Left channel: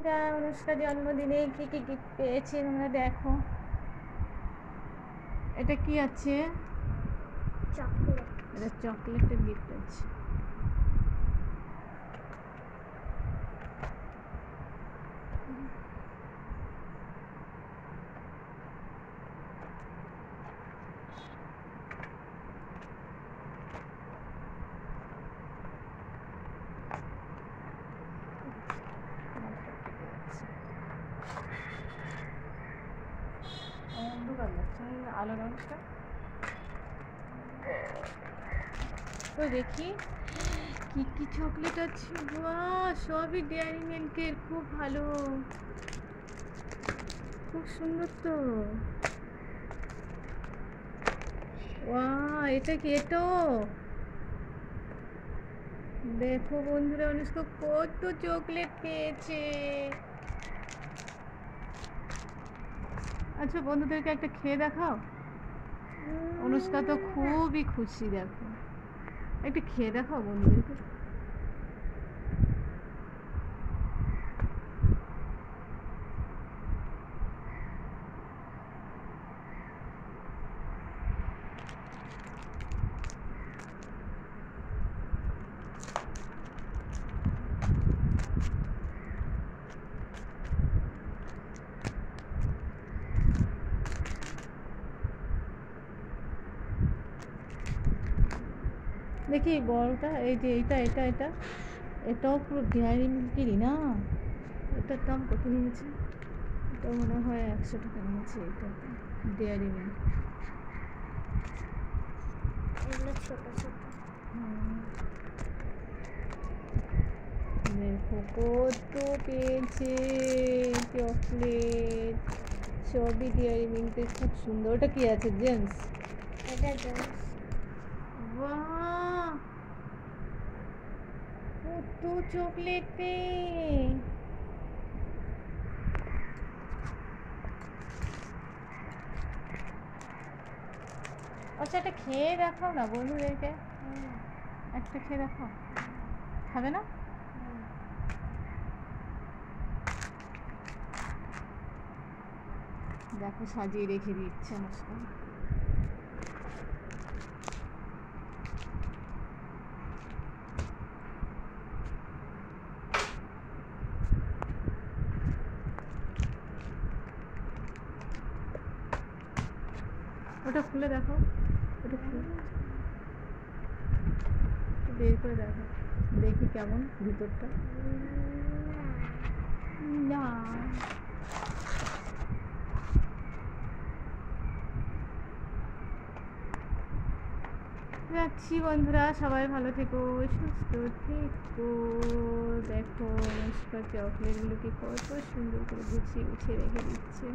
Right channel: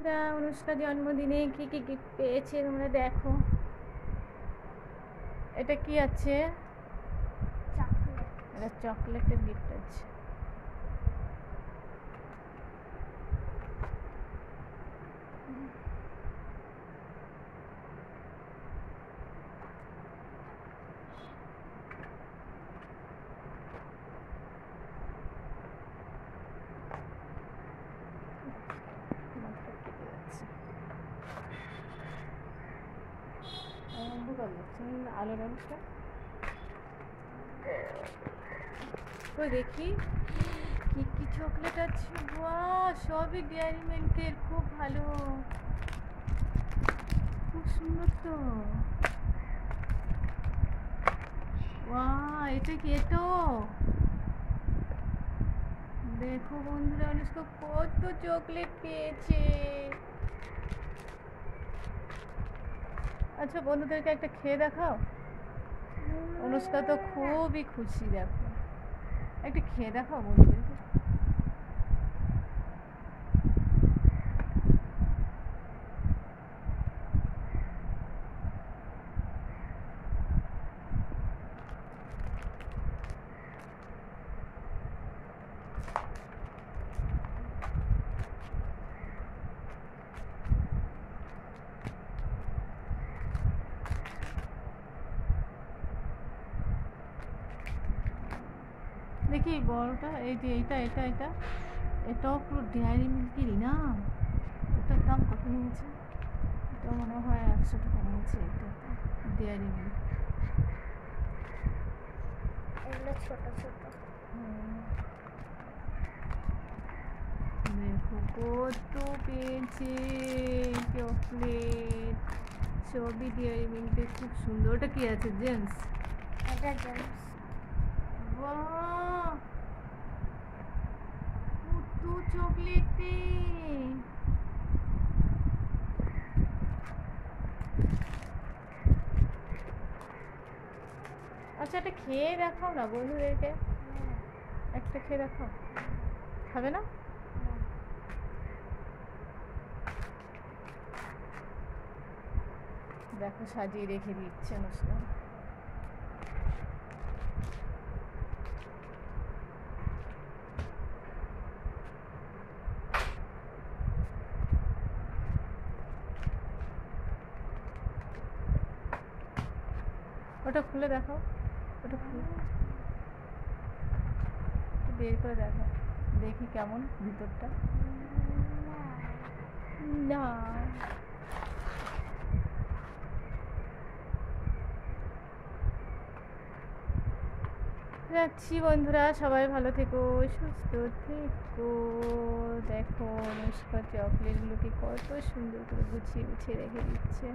অনুষ্কা জন্মদিনে কি কি গিফট পেয়েছে তোমরা দেখো। এটা কি আছে? এটা চকলেটের গিফট আছে। অন্ধকার লাগছে, আলোর অবস্থা তো দেখি কি কি চকলেট আছে। বাহ, সবই ডেয়ারি মিল্কের, খুব ভালো, খুব সুন্দর তো। বাহ, এটা কি? এটো দেখো বন্ধুরা, অনুষ্কা কত চকলেট পেয়েছে। আচ্ছা, বন্ধুদেরকে একটা খেয়ে দেখাও। অনুষ্কা তো খুবই খুশি, দেখো একটু খেয়ে দেখাও বন্ধুদেরকে। দেখি বড়টা, এই যে এইটা এটা এটা এটাও পুরো ডেয়ারি মিল্কেরই না। এটার দাম কত নিয়েছে? এটা মনে হয় 100 টাকা নিয়েছে। এটা ডেয়ারি মিল্ক। দেখো কত পেয়েছে চকলেট, সবই ডেয়ারি মিল্কের, খুব সুন্দর। ওটা কি আছে? জেমস। বাহ, কত চকলেট পেয়ে। আচ্ছা, একটা খেয়ে দেখাও না বন্ধুদেরকে, একটা খেয়ে দেখাও। খাবে না? দেখো সাজিয়ে রেখে দিচ্ছে অনুষ্কা। ওটা খুলে দেখো, ওটা খুলে বের করে দেখো, দেখি কেমন ভিতরটা। না, যাচ্ছি বন্ধুরা, সবাই ভালো থেকো, সুস্থ থেকো। দেখো অনুষ্কা চকলেটগুলোকে কত সুন্দর করে গুছিয়ে গুছিয়ে রেখে দিচ্ছে।